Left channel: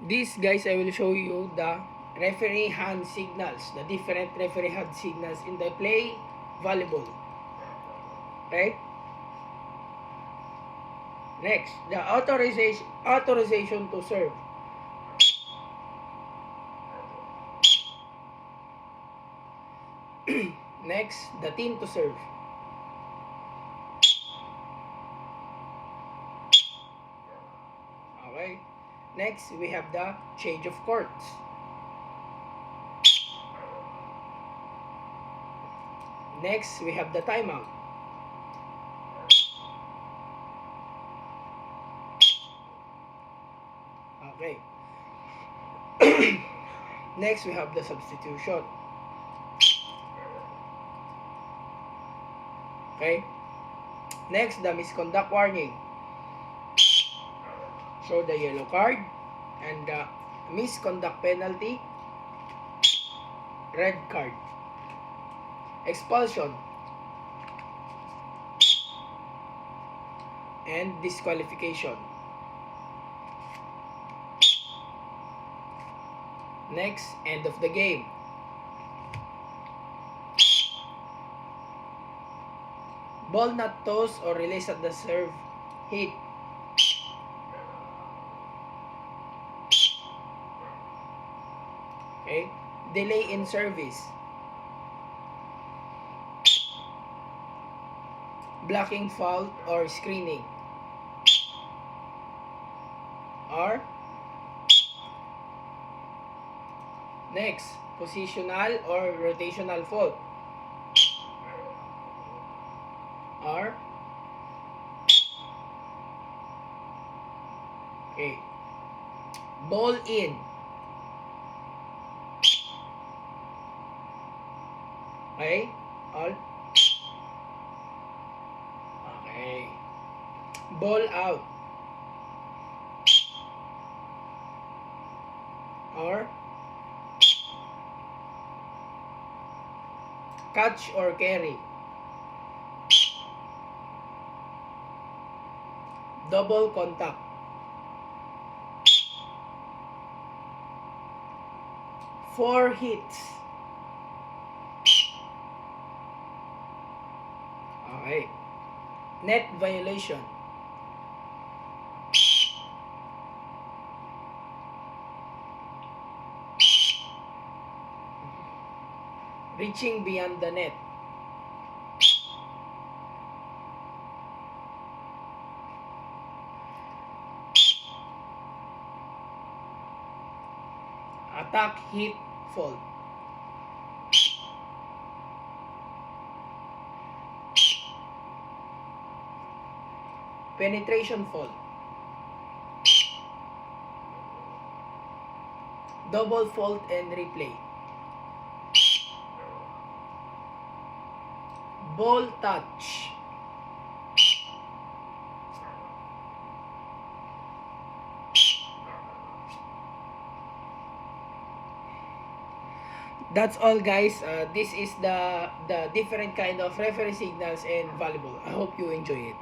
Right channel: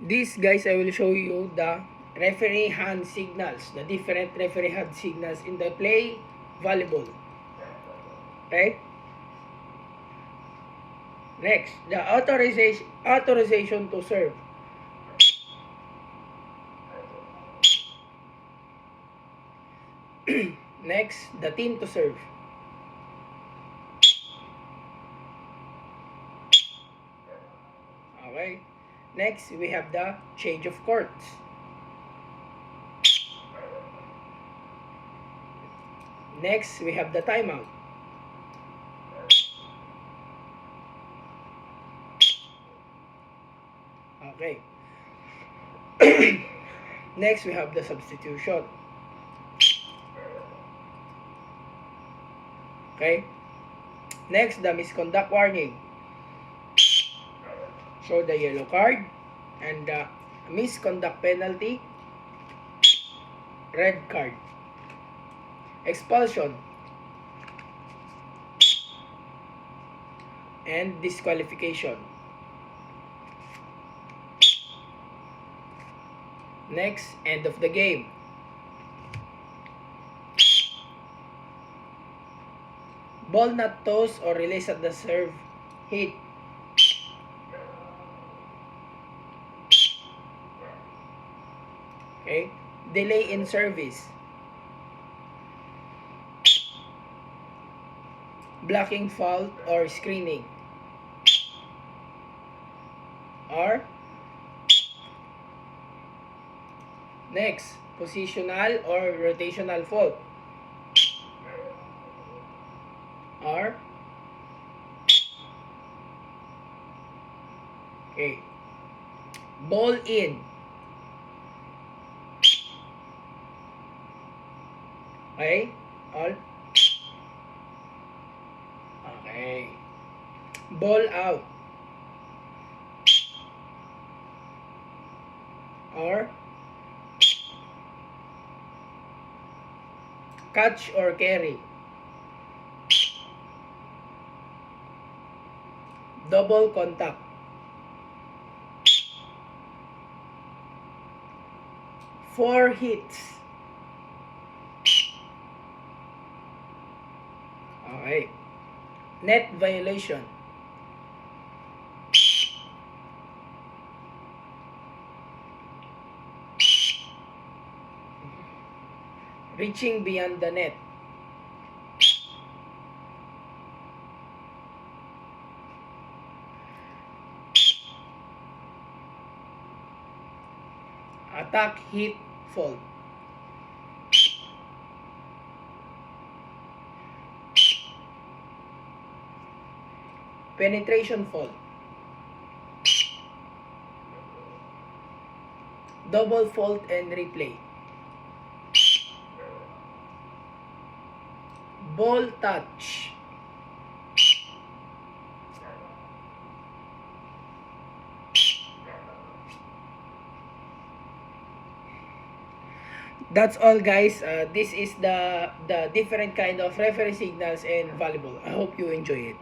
This guys, I will show you the referee hand signals, the different referee hand signals in the play volleyball. Okay? Next, the authorization to serve. Next, the team to serve. Okay. Next, we have the change of courts. Next, we have the timeout. Okay. Next, we have the substitution. Okay. Next, the misconduct warning. So, the yellow card and the misconduct penalty, red card. Expulsion and disqualification. Next, end of the game. Ball not tossed or released at the serve hit. Okay. Delay in service. Blocking foul or screening. Or next, positional or rotational fault. Or okay. Ball in. Okay? All? Okay. Ball out. Or catch or carry. Double contact. Four hits. Okay. Net violation. Reaching beyond the net. Attack, hit, fault. Penetration fault. Double fault and replay. Ball touch. That's all guys. This is the different kind of referee signals in volleyball. I hope you enjoy it.